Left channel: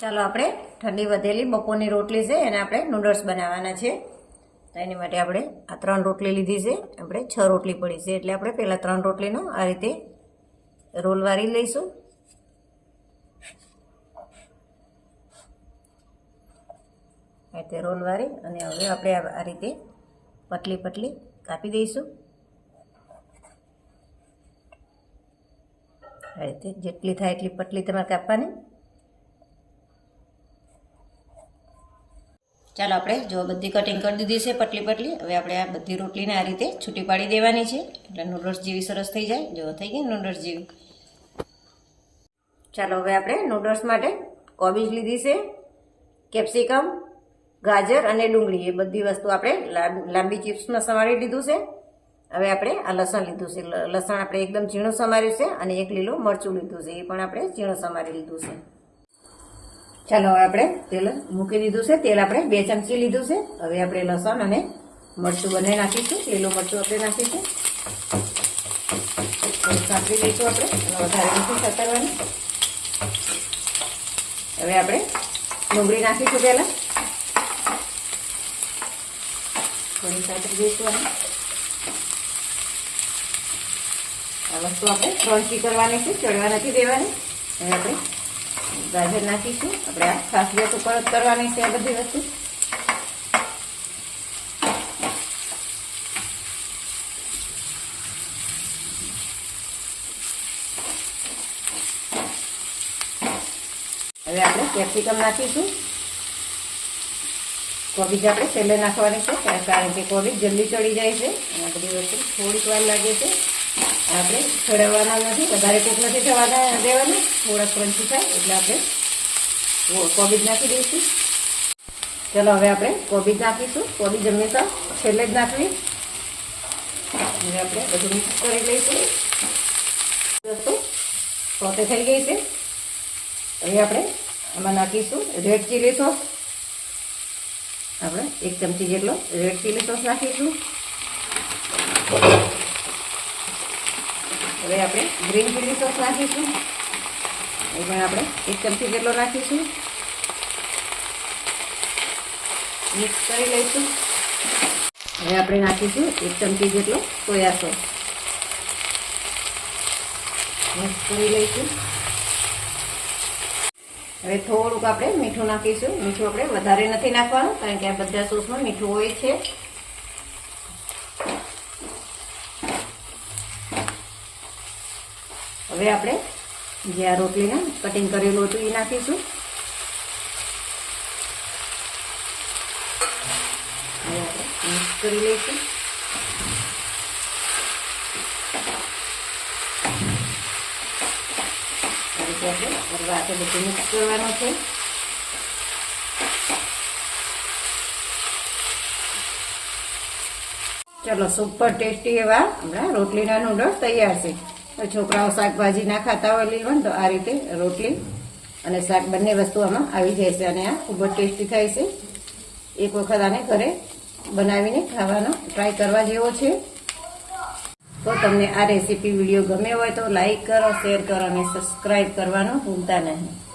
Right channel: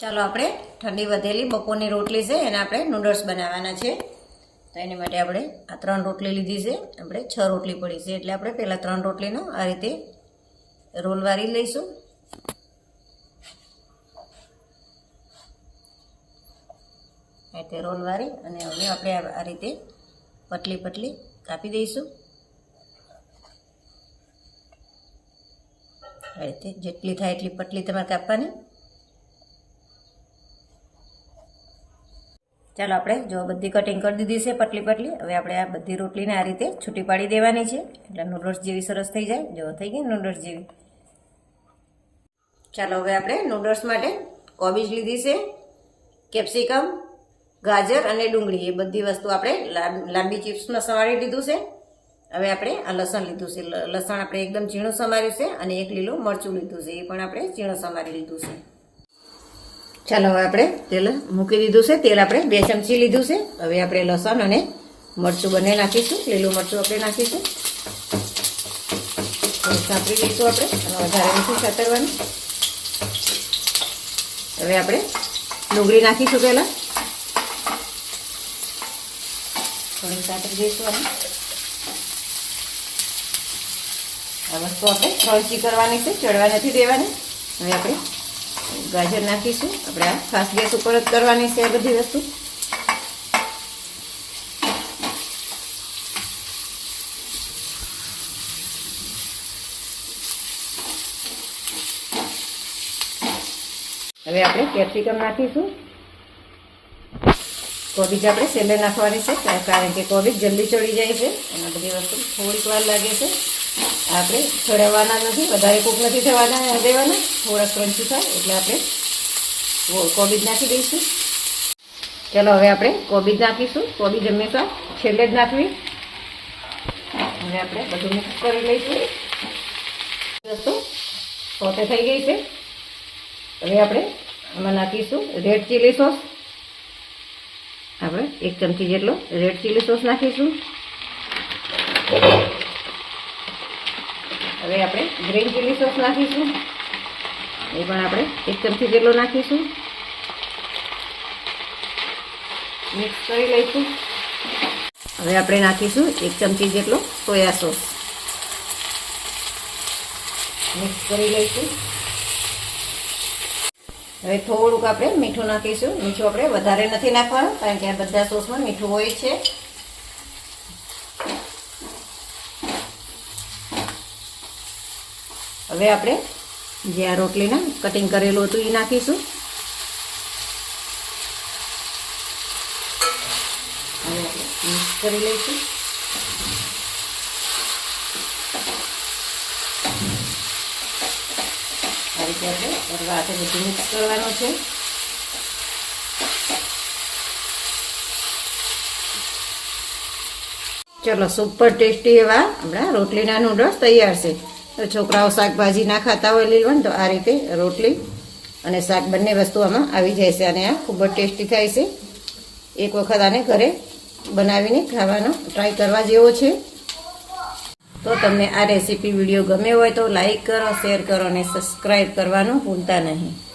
ચાલો આપણે ઠંડી વધેલી બપોરની રોટલી છે, એને આપણે નૂડલ્સ બનાવવાના છે. તો એની માટે આપણે આ ત્રણ રોટલી લીધી છે. આપણે છ રોટલી પડી છે, એટલે આપણે પહેલાં ત્રણ રોટલીનો આ રીતે રોલ વારી લઈશું. આ રીતે રોલ વારી અને હવે આપણે આ રીતે પતલી પતલી કાપી દઈશું. આ રીતે જેટલી થાય એટલી પતલી તમારે કાપવાની. ચાલો આપણે જો બધી કટિંગ કરી દીધી છે પટલી પટલી, હવે આપણે આ બધી રોટલીને આ રીતે છૂટી પાડી દેવાની છે. એટલે નૂડલ્સ જેવી સરસ થઈ જાય. જો થઈ ગઈ નૂડલ્સ જેવી. ચાલો હવે આપણે નૂડલ્સ માટે કોબીજ લીધી છે કેપ્સિકમ ગાજર અને ડુંગળી. એ બધી વસ્તુ આપણે લાંબી ચિપ્સમાં સમારી લીધું છે. હવે આપણે આ લસણ લીધું છે. લસણ આપણે એકદમ ઝીણું સમાર્યું છે અને એક લીલું મરચું લીધું છે. એ પણ આપણે ઝીણું સમારી લીધું છે. ચાલો હવે આપણે તેલ મૂકી દીધું છે. તેલ આપણે બે ચમચી લીધું છે. હવે આપણે લસણ અને મરચું બંને નાખીશું. લીલું મરચું આપણે નાખીશું. સાંતળી લઈશું આપણે. અને વધારે નથી સાતરવાનું. હવે આપણે ડુંગળી નાખીશું પહેલાં. થોડી સાતરી દઈશું આ વસ્તુ આપણે ક્રન્ચી કરવાની છે. ચડવા નથી દેવાની. હવે આપણે ગાજર નાખીશું. આપણે આ ખાસ ગેસ ઉપર જ કરવાની છે આ બધી વસ્તુ. હવે આપણે કેપ્સિકમ નાખીશું. કોબીજ આપણે સેલે નાખવાની છે, કારણ કે કોબીજ જલ્દી ચડી જાય છે. અને બધી વસ્તુ થોડીક વાર લાગે છે. આપણે ચડાવવાના નથી, વધારે કૂક નથી થવાના દેવાનું થોડા ક્રંચી થાય એટલે આપણે કોબીજ નાખી દઈશું. ચલો, હવે આપણે કોબીજ નાખીશું. કોબીજ હંમેશા છેલ્લે જ નાખવી. અને આપણે બધું મિક્સ કરી લઈશું. વસ્તુ પોતે થઈ ગઈ છે. હવે આપણે એમાં નાખીશું રેડ ચીલી સોસ. આપણે એક ચમચી જેટલો રેડ ચીલી સોસ નાખીશું. હવે આપણે ગ્રીન ચીલી સોસ નાખીશું. એ પણ આપણે એક ચમચી જેટલો નાખીશું. મિક્સ કરી લઈશું. હવે આપણે નાખીશું એક ચમચી જેટલો સોયા સોસ. મિક્સ કરી લઈશું. હવે થોડુંક આપણે મીઠું નાખીશું. મીઠું આપણે વધારે નથી નાખવાનું, કારણ કે આ બધા સોસમાં મીઠું હોય છે. હવે આપણે જે આ રોટલીને કટિંગ કરેલું હતું એ નાખીશું. મિક્સ કરી લઈશું. હવે હાથે બધું મિક્સ કરવાનું છે. ચલો સુપર ટેસ્ટી એવા આપણા રોટલીના નૂડલ્સ તૈયાર છે. તો છોકરાઓ શાકભાજી ના ખાતા હોય લીલવન તો આ રીતે રોટલી અને શાક બંને વસ્તુ આમાં આવી જાય છે અને આ ખૂબ જ ટેસ્ટી થાય છે. એક વખત આને ઘરે બનાવીને ખાવાનો ટ્રાય કરવા જેવો છે. તો તમને આ રેસીપી વીડિયો ગમે હોય તો લાઇક કરો, શેર કરો અને સબસ્ક્રાઈબ કરવાનું ભૂલતા નહીં.